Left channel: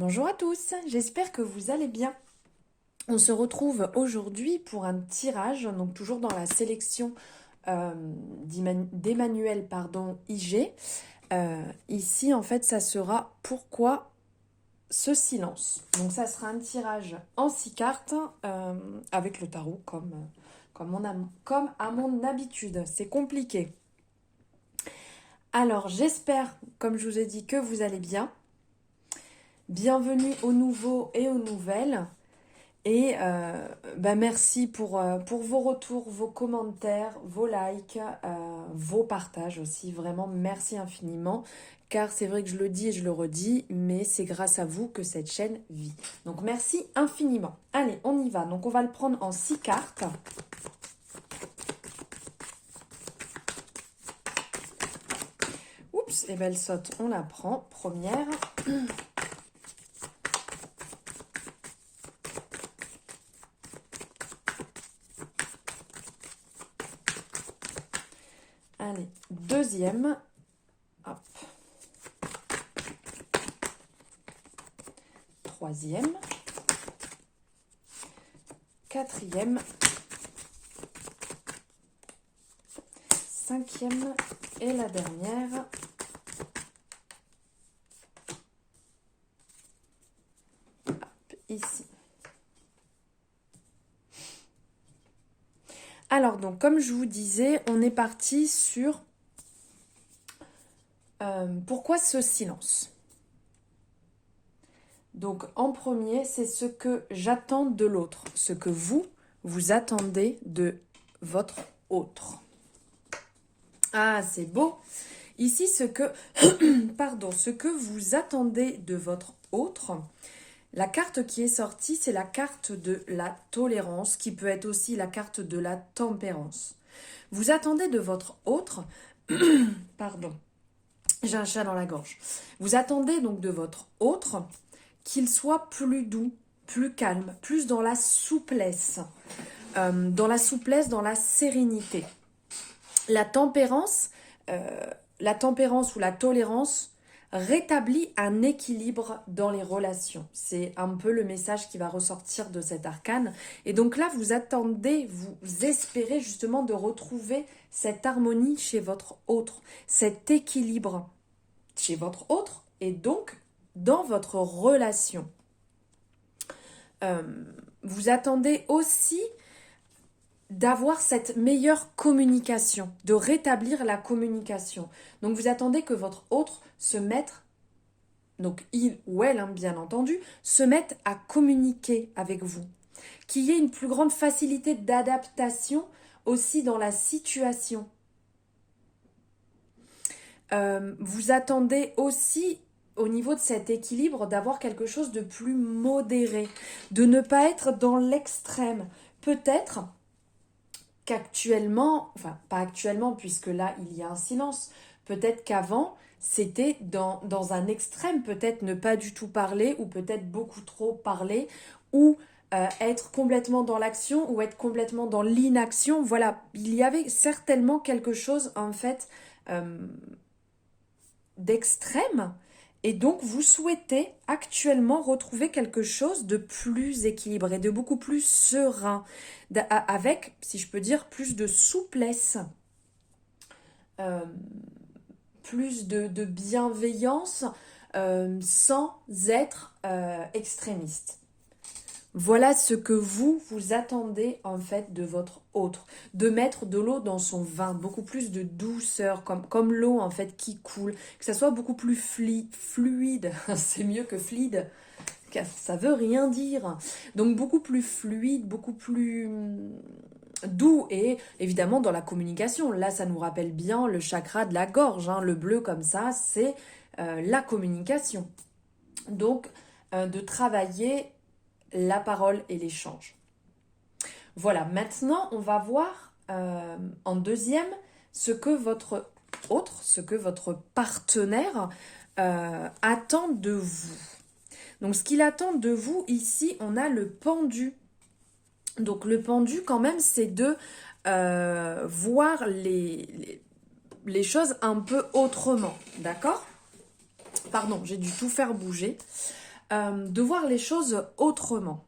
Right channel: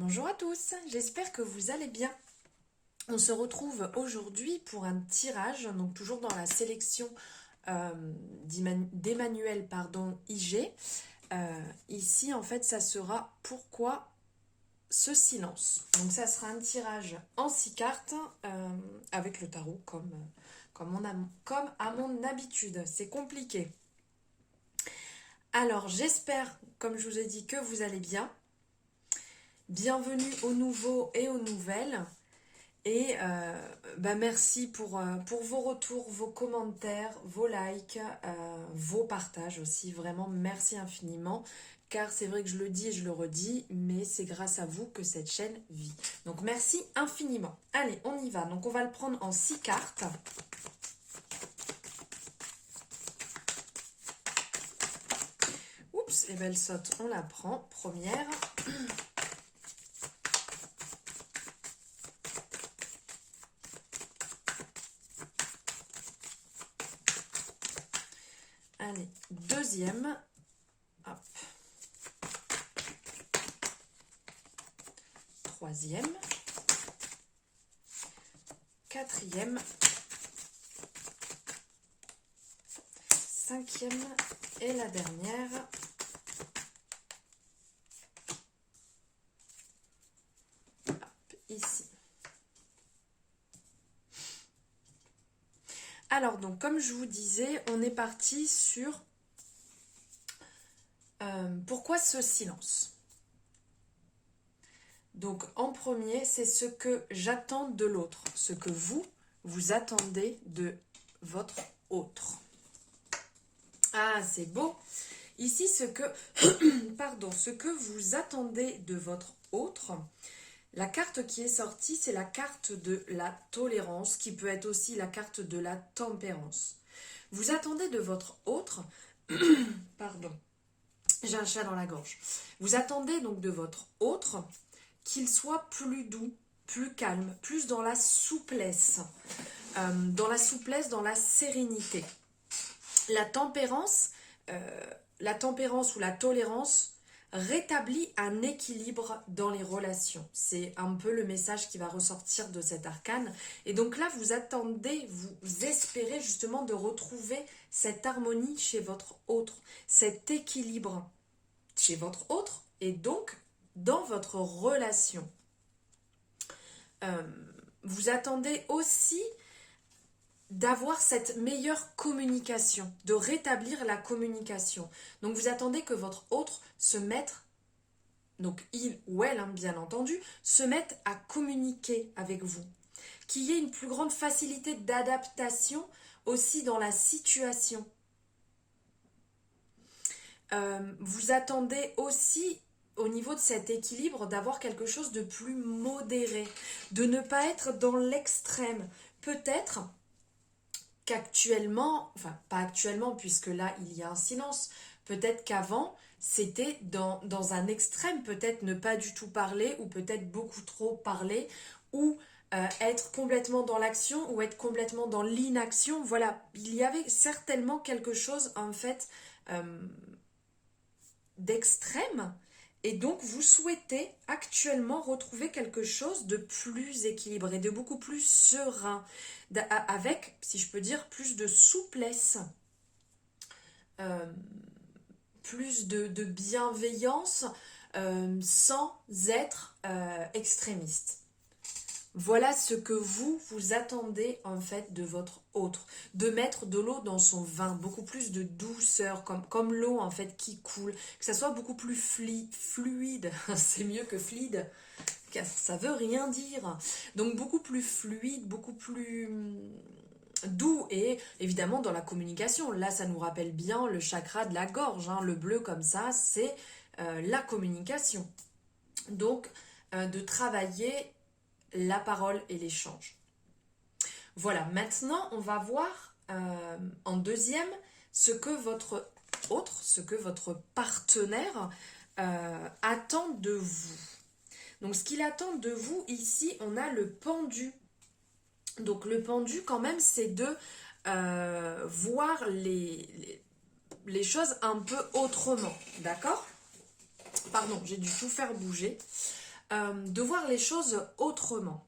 Bonjour à tous, j'espère que vous allez bien. On se retrouve aujourd'hui pour un tirage, donc toujours dans la sélection d'Emmanuel IG. Ici, en fait, ça sera pourquoi ce silence. Donc ça sera un tirage en 6 cartes avec le tarot comme à mon habitude. C'est compliqué. Alors j'espère, comme je vous ai dit, que vous allez bien. Bienvenue aux nouveaux et aux nouvelles. Et merci pour vos retours, vos commentaires, vos likes, vos partages aussi. Vraiment, merci infiniment. Car c'est vrai que je le dis et je le redis, mais c'est grâce à vous que cette chaîne vit. Donc merci infiniment. Allez, on y va. Donc on va le prendre en 6 cartes. Oups, et belle saute, on la prend. Première. Allez, deuxième. Hop. Troisième. Quatrième. Cinquième. Et la dernière. Hop, ici. Alors donc, comme je vous disais, on est parti sur pourquoi ce silence. Donc en premier, c'est ce que j'attends de l'autre, ce que vous attendez de votre autre. Ah, c'est beau. Ici, ce que vous attendez de votre autre. La carte qui est sortie, c'est la carte de la tolérance, qui peut être aussi la carte de la tempérance. Vous attendez de votre autre, pardon, j'ai un chat dans la gorge. Vous attendez donc de votre autre qu'il soit plus doux, plus calme, plus dans la souplesse, dans la sérénité. La tempérance ou la tolérance rétablit un équilibre dans les relations. C'est un peu le message qui va ressortir de cet arcane. Et donc là, vous attendez, vous espérez justement de retrouver cette harmonie chez votre autre, cet équilibre chez votre autre et donc dans votre relation. Vous attendez aussi d'avoir cette meilleure communication, de rétablir la communication. Donc vous attendez que votre autre se mette, donc il ou elle, bien entendu, se mette à communiquer avec vous. Qu'il y ait une plus grande facilité d'adaptation aussi dans la situation. Vous attendez aussi au niveau de cet équilibre d'avoir quelque chose de plus modéré, de ne pas être dans l'extrême. Peut-être qu'actuellement, enfin pas actuellement puisque là il y a un silence, peut-être qu'avant c'était dans un extrême, peut-être ne pas du tout parler ou peut-être beaucoup trop parler ou être complètement dans l'action ou être complètement dans l'inaction. Voilà, il y avait certainement quelque chose en fait d'extrême et donc vous souhaitez actuellement retrouver quelque chose de plus équilibré, de beaucoup plus serein, avec, si je peux dire, plus de souplesse, plus de bienveillance, sans être extrémiste. Voilà ce que vous attendez en fait de votre autre. De mettre de l'eau dans son vin, beaucoup plus de douceur, comme l'eau en fait qui coule. Que ça soit beaucoup plus fluide, c'est mieux que fluide, ça veut rien dire. Donc beaucoup plus fluide, beaucoup plus doux et évidemment dans la communication. Là ça nous rappelle bien le chakra de la gorge, le bleu comme ça, c'est la communication. Donc de travailler la parole et l'échange. Voilà, maintenant on va voir en deuxième ce que votre autre, ce que votre partenaire attend de vous. Donc ce qu'il attend de vous ici, on a le pendu. Donc le pendu quand même c'est de voir les choses un peu autrement, d'accord? Pardon, j'ai dû tout faire bouger. de voir les choses autrement.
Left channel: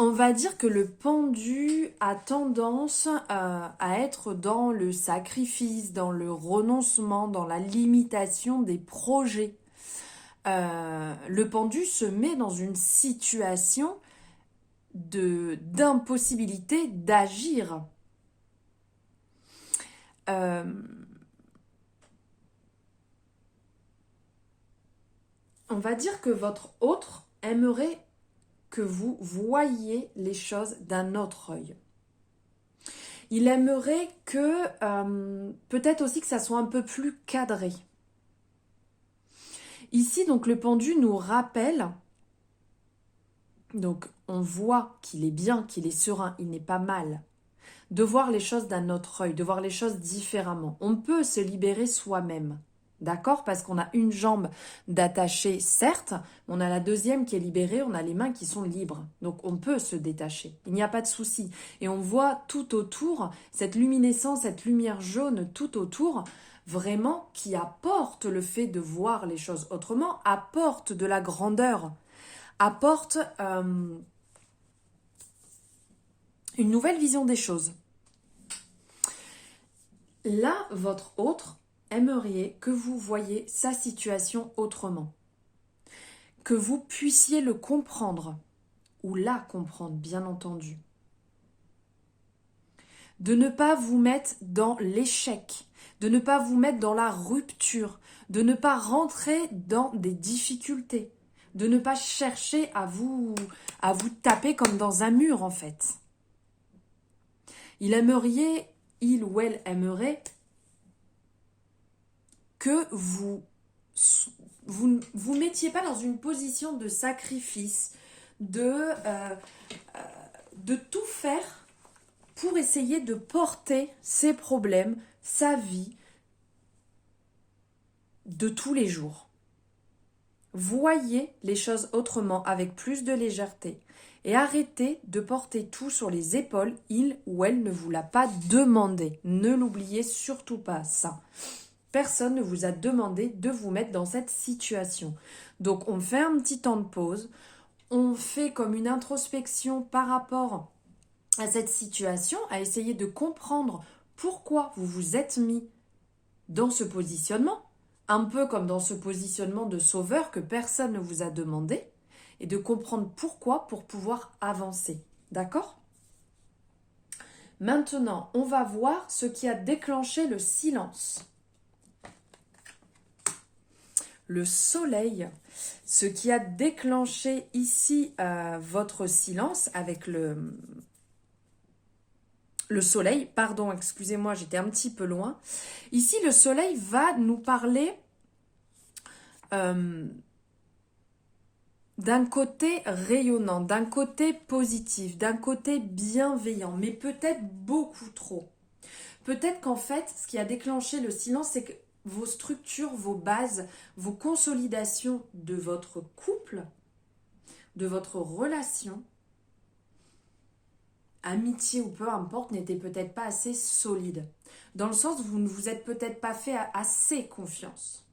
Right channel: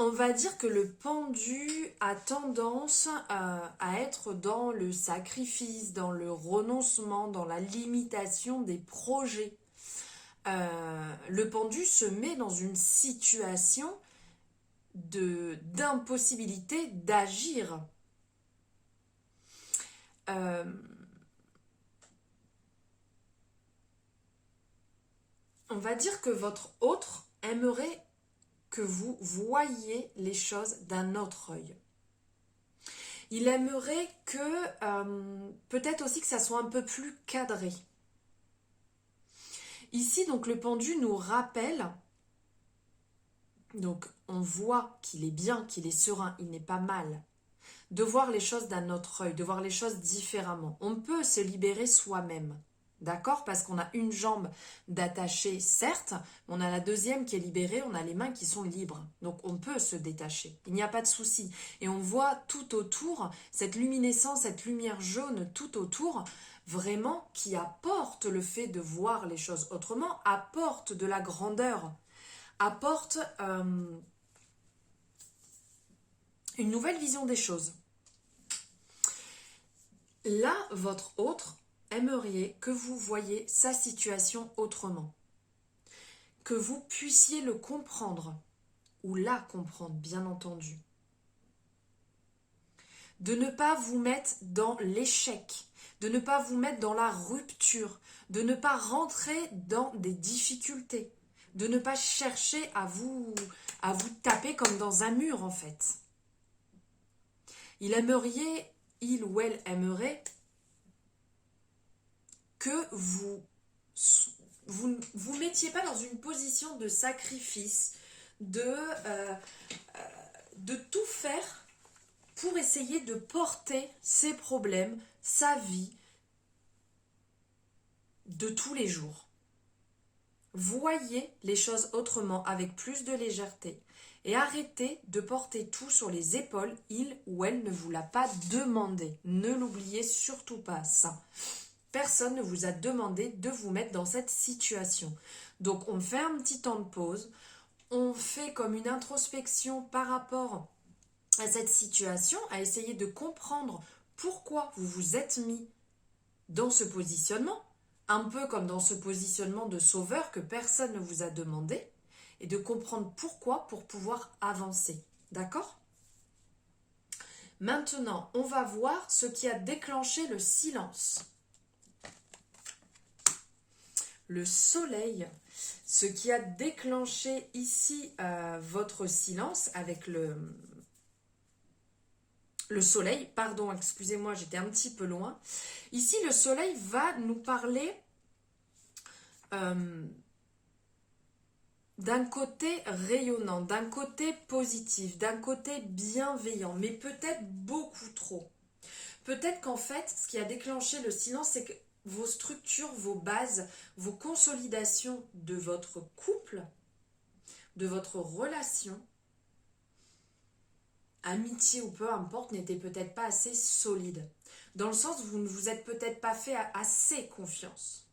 On va dire que le pendu a tendance à être dans le sacrifice, dans le renoncement, dans la limitation des projets. Le pendu se met dans une situation d'impossibilité d'agir. On va dire que votre autre aimerait que vous voyiez les choses d'un autre œil. Il aimerait que, peut-être aussi que ça soit un peu plus cadré. Ici, donc, le pendu nous rappelle, donc on voit qu'il est bien, qu'il est serein, il n'est pas mal, de voir les choses d'un autre œil, de voir les choses différemment. On peut se libérer soi-même. D'accord? Parce qu'on a une jambe d'attacher, certes, on a la deuxième qui est libérée, on a les mains qui sont libres. Donc on peut se détacher, il n'y a pas de souci. Et on voit tout autour, cette luminescence, cette lumière jaune tout autour, vraiment qui apporte le fait de voir les choses autrement, apporte de la grandeur, apporte une nouvelle vision des choses. Là, votre autre aimeriez que vous voyiez sa situation autrement, que vous puissiez le comprendre, ou la comprendre, bien entendu. De ne pas vous mettre dans l'échec, de ne pas vous mettre dans la rupture, de ne pas rentrer dans des difficultés, de ne pas chercher à vous taper comme dans un mur en fait. Il ou elle aimerait que vous mettiez pas dans une position de sacrifice, de tout faire pour essayer de porter ses problèmes, sa vie de tous les jours. Voyez les choses autrement, avec plus de légèreté. Et arrêtez de porter tout sur les épaules, il ou elle ne vous l'a pas demandé. Ne l'oubliez surtout pas, ça. Personne ne vous a demandé de vous mettre dans cette situation. Donc on fait un petit temps de pause, on fait comme une introspection par rapport à cette situation, à essayer de comprendre pourquoi vous vous êtes mis dans ce positionnement, un peu comme dans ce positionnement de sauveur que personne ne vous a demandé, et de comprendre pourquoi pour pouvoir avancer. D'accord ? Maintenant, on va voir ce qui a déclenché le silence. Le soleil, ce qui a déclenché ici votre silence avec le soleil, pardon, excusez-moi, j'étais un petit peu loin. Ici, le soleil va nous parler d'un côté rayonnant, d'un côté positif, d'un côté bienveillant, mais peut-être beaucoup trop. Peut-être qu'en fait, ce qui a déclenché le silence, c'est que vos structures, vos bases, vos consolidations de votre couple, de votre relation, amitié ou peu importe, n'étaient peut-être pas assez solides. Dans le sens où vous ne vous êtes peut-être pas fait assez confiance.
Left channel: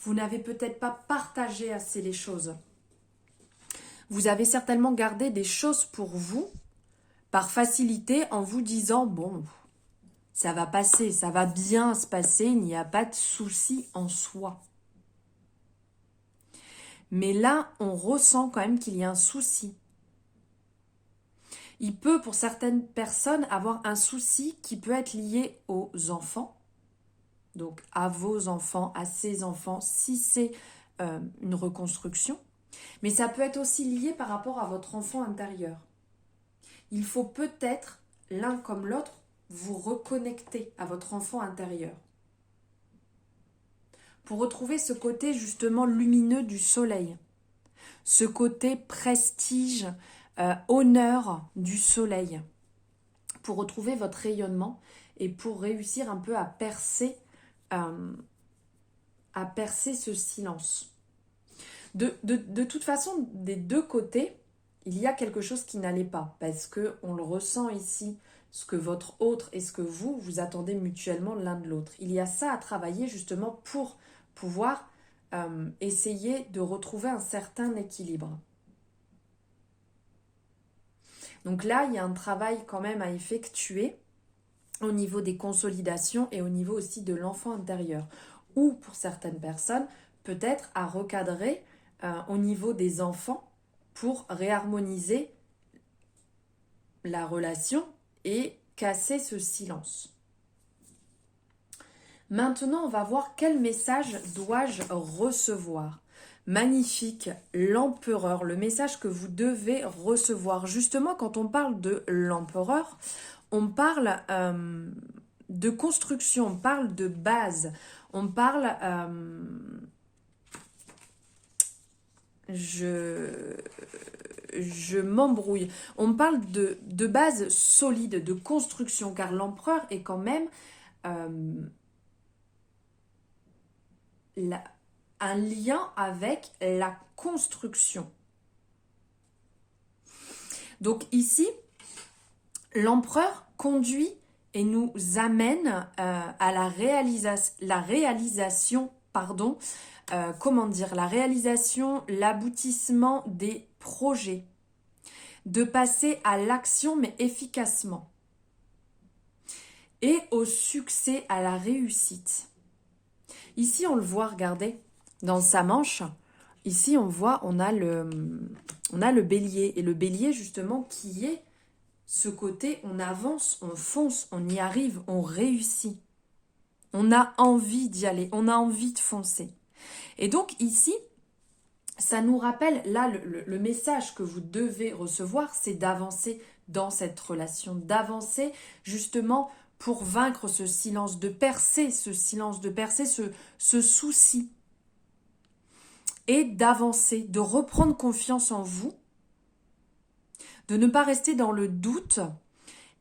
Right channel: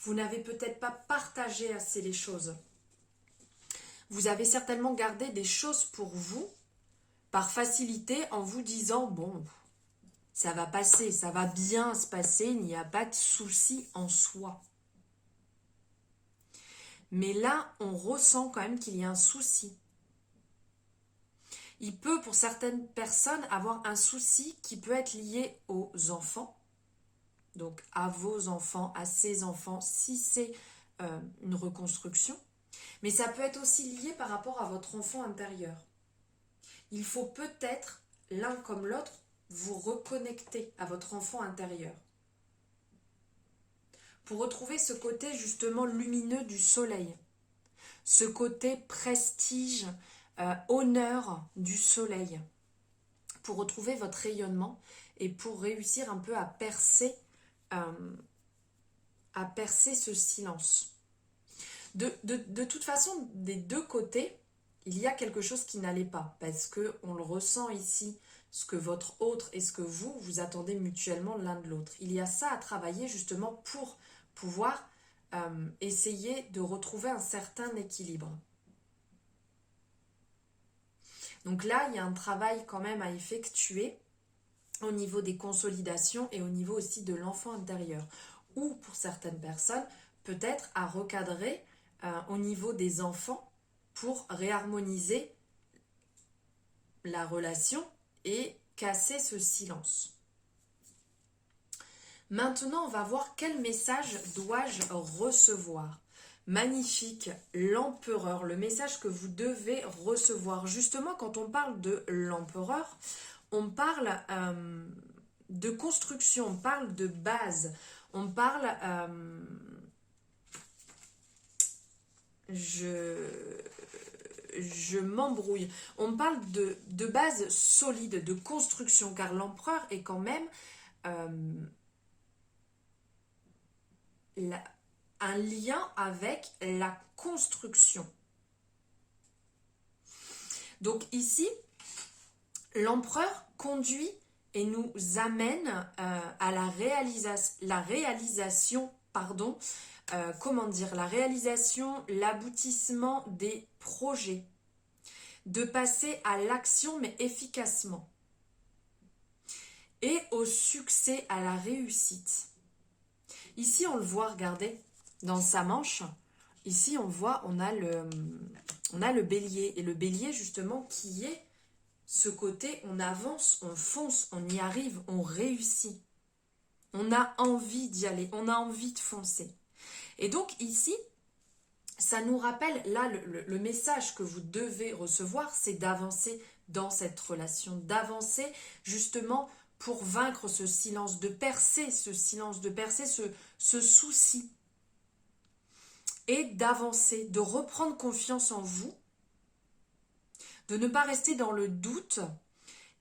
Vous n'avez peut-être pas partagé assez les choses. Vous avez certainement gardé des choses pour vous par facilité en vous disant « bon, ça va passer, ça va bien se passer, il n'y a pas de souci en soi. » Mais là, on ressent quand même qu'il y a un souci. Il peut, pour certaines personnes, avoir un souci qui peut être lié aux enfants. Donc, à vos enfants, à ses enfants, si c'est une reconstruction. Mais ça peut être aussi lié par rapport à votre enfant intérieur. Il faut peut-être, l'un comme l'autre, vous reconnecter à votre enfant intérieur. Pour retrouver ce côté justement lumineux du soleil. Ce côté prestige, honneur du soleil. Pour retrouver votre rayonnement et pour réussir un peu à percer ce silence. De toute façon, des deux côtés, il y a quelque chose qui n'allait pas, parce qu'on le ressent ici, ce que votre autre et ce que vous attendez mutuellement l'un de l'autre. Il y a ça à travailler justement pour pouvoir essayer de retrouver un certain équilibre. Donc là, il y a un travail quand même à effectuer au niveau des consolidations et au niveau aussi de l'enfant intérieur. Ou pour certaines personnes, peut-être à recadrer au niveau des enfants pour réharmoniser la relation et casser ce silence. Maintenant, on va voir quel message dois-je recevoir. Magnifique, l'empereur, le message que vous devez recevoir. Justement, quand on parle de l'empereur, on parle de construction, on parle de base, on parle... je m'embrouille. On parle de base solide, de construction, car l'empereur est quand même un lien avec la construction. Donc ici, l'empereur conduit et nous amène à la réalisation, l'aboutissement des projets, de passer à l'action mais efficacement et au succès, à la réussite. Ici, on le voit, regardez, dans sa manche, ici on voit, on a le bélier, et le bélier justement qui est ce côté, on avance, on fonce, on y arrive, on réussit. On a envie d'y aller, on a envie de foncer. Et donc ici, ça nous rappelle, là, le message que vous devez recevoir, c'est d'avancer dans cette relation, d'avancer justement pour vaincre ce silence, de percer ce silence, de percer ce souci. Et d'avancer, de reprendre confiance en vous, de ne pas rester dans le doute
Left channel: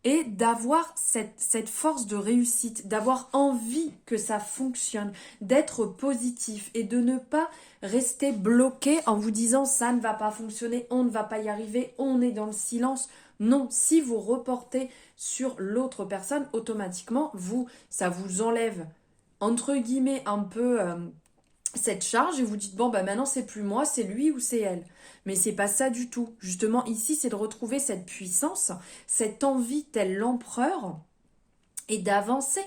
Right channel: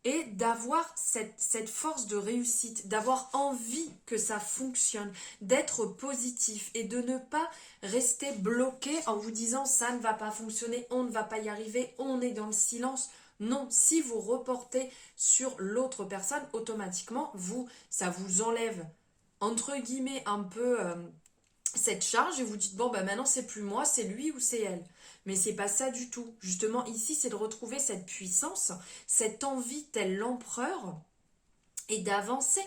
et d'avoir cette force de réussite, d'avoir envie que ça fonctionne, d'être positif et de ne pas rester bloqué en vous disant ça ne va pas fonctionner, on ne va pas y arriver, on est dans le silence. Non, si vous reportez sur l'autre personne, automatiquement, ça vous enlève, entre guillemets, un peu cette charge et vous dites, bon, bah maintenant c'est plus moi, c'est lui ou c'est elle. Mais c'est pas ça du tout. Justement, ici, c'est de retrouver cette puissance, cette envie tel l'empereur et d'avancer.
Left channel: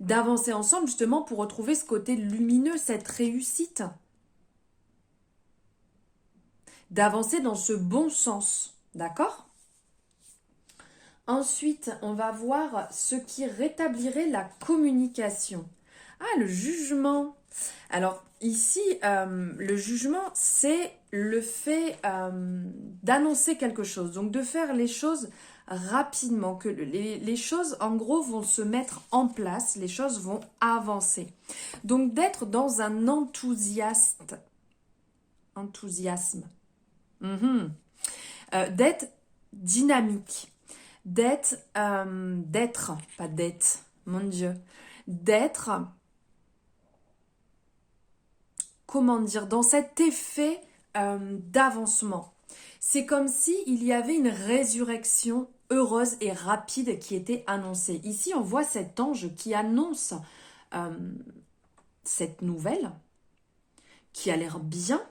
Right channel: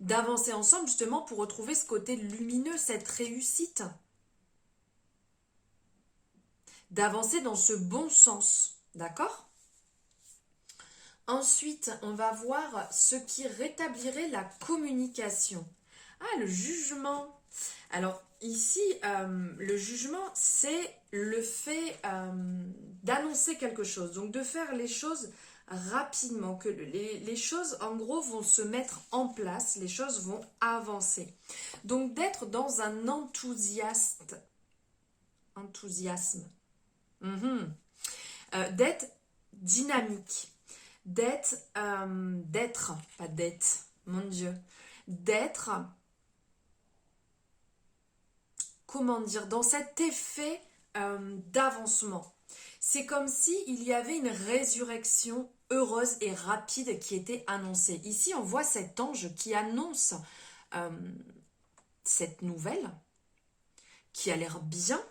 D'avancer ensemble justement pour retrouver ce côté lumineux, cette réussite. D'avancer dans ce bon sens. D'accord ? Ensuite, on va voir ce qui rétablirait la communication. Ah, le jugement. Alors, ici, le jugement, c'est le fait d'annoncer quelque chose. Donc, de faire les choses rapidement, que les choses, en gros, vont se mettre en place, les choses vont avancer. Donc, d'être dans un enthousiasme. D'être dynamique. D'être comment dire, dans cet effet d'avancement. C'est comme s'il y avait une résurrection heureuse et rapide qui était annoncée. Ici, on voit cet ange qui annonce cette nouvelle, qui a l'air bien,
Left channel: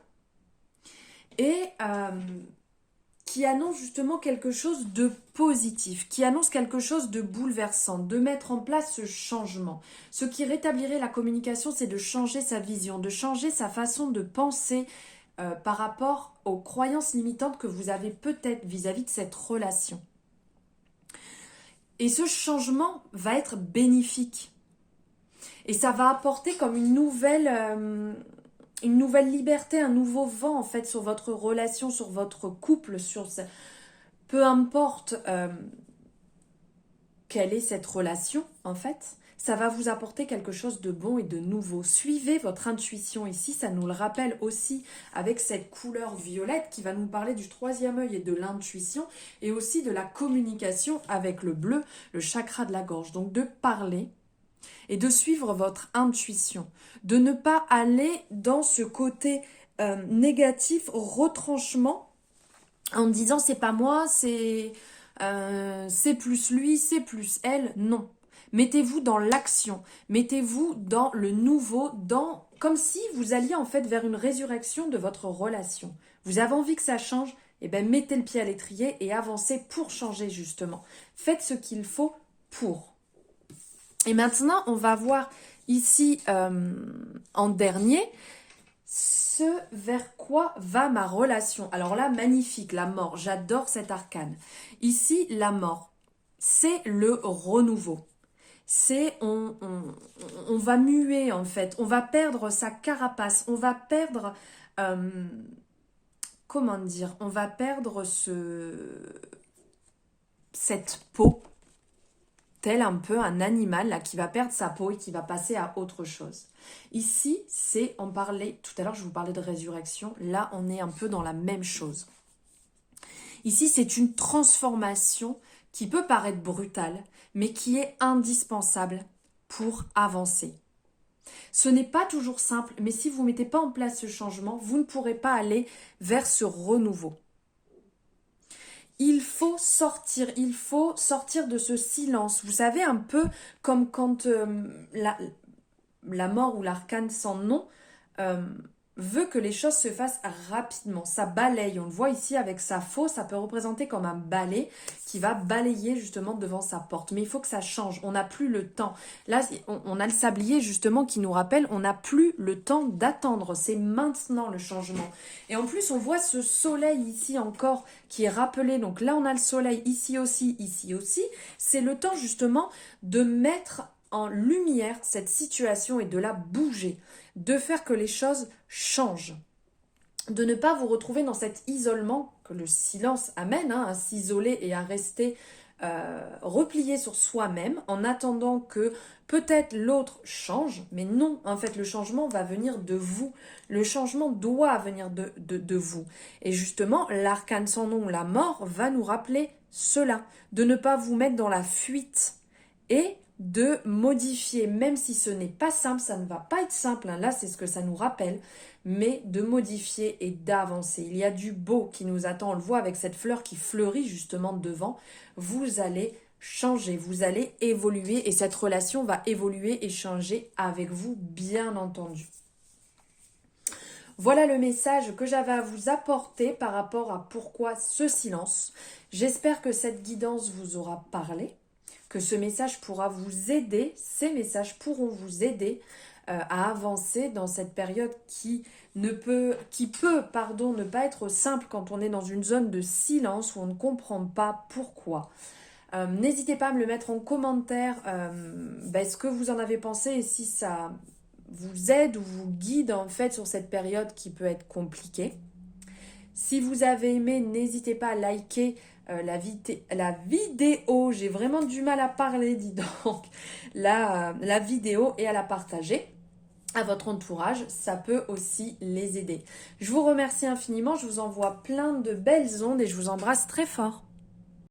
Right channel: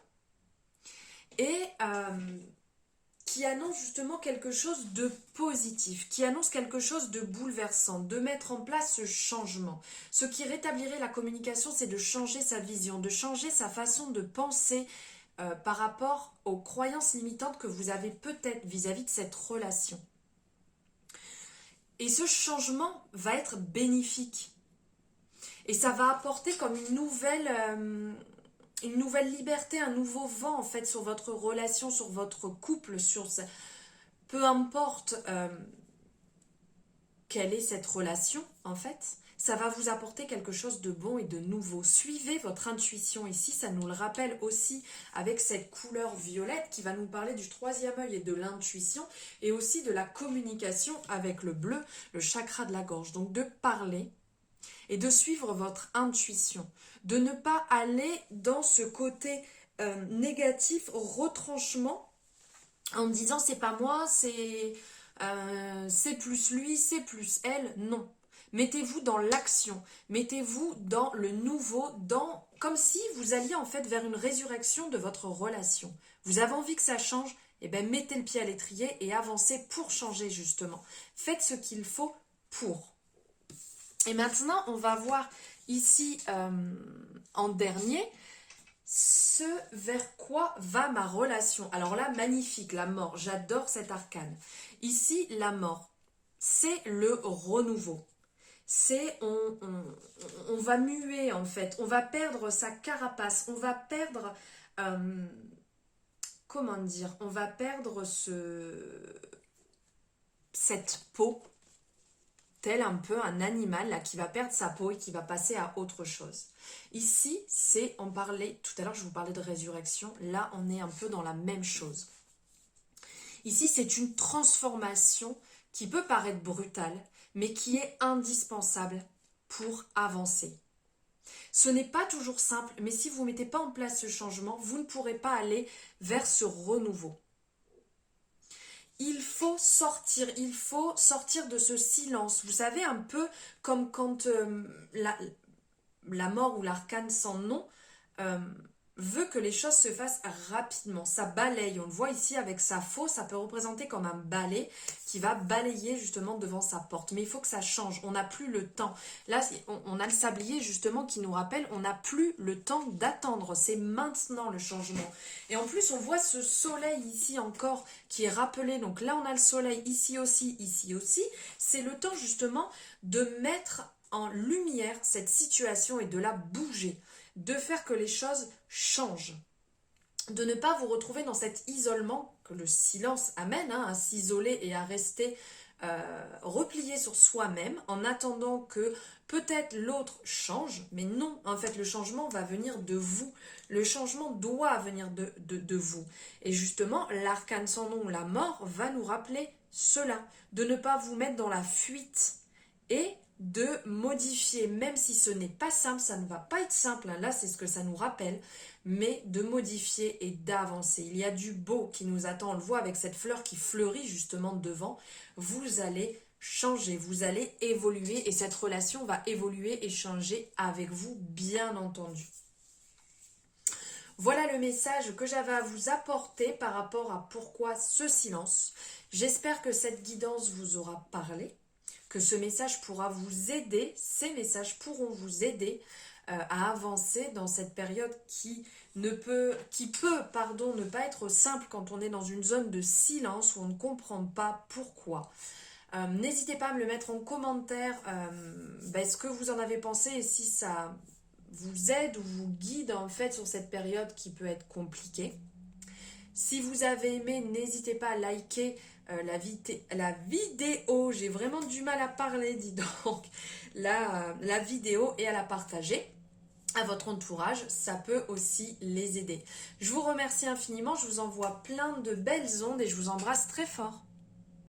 et qui annonce justement quelque chose de positif, qui annonce quelque chose de bouleversant, de mettre en place ce changement. Ce qui rétablirait la communication, c'est de changer sa vision, de changer sa façon de penser par rapport aux croyances limitantes que vous avez peut-être vis-à-vis de cette relation. Et ce changement va être bénéfique. Et ça va apporter comme une nouvelle liberté, un nouveau vent en fait sur votre relation, sur votre couple, peu importe quelle est cette relation en fait, ça va vous apporter quelque chose de bon et de nouveau. Suivez votre intuition ici, ça nous le rappelle aussi avec cette couleur violette qui va nous parler du troisième œil et de l'intuition et aussi de la communication avec le bleu, le chakra de la gorge. Donc de parler et de suivre votre intuition, de ne pas aller dans ce côté négatif, retranchement, en disant c'est pas moi, c'est plus lui, c'est plus elle. Non. Mettez-vous dans l'action, mettez-vous dans le nouveau, dans comme si vous alliez en fait vers une résurrection de votre relation. Vous avez envie que ça change, eh bien mettez le pied à l'étrier et avancez pour changer justement. Faites ce qu'il faut pour. Et maintenant, on va voir ici en dernier ce vers quoi va ma relation. Alors là, magnifique, la mort. J'adore cet arcane. Ici, la mort, c'est le renouveau. C'est on va muer en fait. On va perdre sa carapace. On va perdre... comment dire? On va perdre cette peau, tel un peu un animal là, qui va perdre sa peau et qui va passer à autre chose. Ici, c'est, on parlait, tout à l'heure je vous parlais de résurrection, là on est un peu dans la même chose. Ici, c'est une transformation qui peut paraître brutale, mais qui est indispensable pour avancer. Ce n'est pas toujours simple, mais si vous ne mettez pas en place ce changement, vous ne pourrez pas aller vers ce renouveau. Il faut sortir de ce silence. Vous savez, un peu comme quand la mort ou l'arcane sans nom veut que les choses se fassent rapidement. Ça balaye. On le voit ici avec sa faux, ça peut représenter comme un balai qui va balayer justement devant sa porte. Mais il faut que ça change. On n'a plus le temps. Là, on a le sablier justement qui nous rappelle, on n'a plus le temps d'attendre. C'est maintenant le changement. Et en plus, on voit ce soleil ici encore qui est rappelé. Donc là, on a le soleil ici aussi, ici aussi. C'est le temps justement de mettre en lumière cette situation et de la bouger, de faire que les choses changent, de ne pas vous retrouver dans cet isolement que le silence amène, à s'isoler et à rester replié sur soi-même en attendant que peut-être l'autre change, mais non, en fait le changement va venir de vous, le changement doit venir de vous. Et justement, l'arcane sans nom, la mort, va nous rappeler cela, de ne pas vous mettre dans la fuite et de modifier, même si ce n'est pas simple, ça ne va pas être simple, là c'est ce que ça nous rappelle, mais de modifier et d'avancer. Il y a du beau qui nous attend, on le voit avec cette fleur qui fleurit justement devant. Vous allez changer, vous allez évoluer et cette relation va évoluer et changer avec vous, bien entendu. Voilà le message que j'avais à vous apporter par rapport à pourquoi ce silence. J'espère que cette guidance vous aura parlé, que ce message pourra vous aider, ces messages pourront vous aider à avancer dans cette période qui peut ne pas être simple quand on est dans une zone de silence où on ne comprend pas pourquoi. N'hésitez pas à me le mettre en commentaire, ce que vous en avez pensé et si ça vous aide ou vous guide en fait sur cette période qui peut être compliquée. Si vous avez aimé, n'hésitez pas à liker la vidéo, j'ai vraiment du mal à parler, dis donc, la vidéo et à la partager à votre entourage, ça peut aussi les aider. Je vous remercie infiniment, je vous envoie plein de belles ondes et je vous embrasse très fort.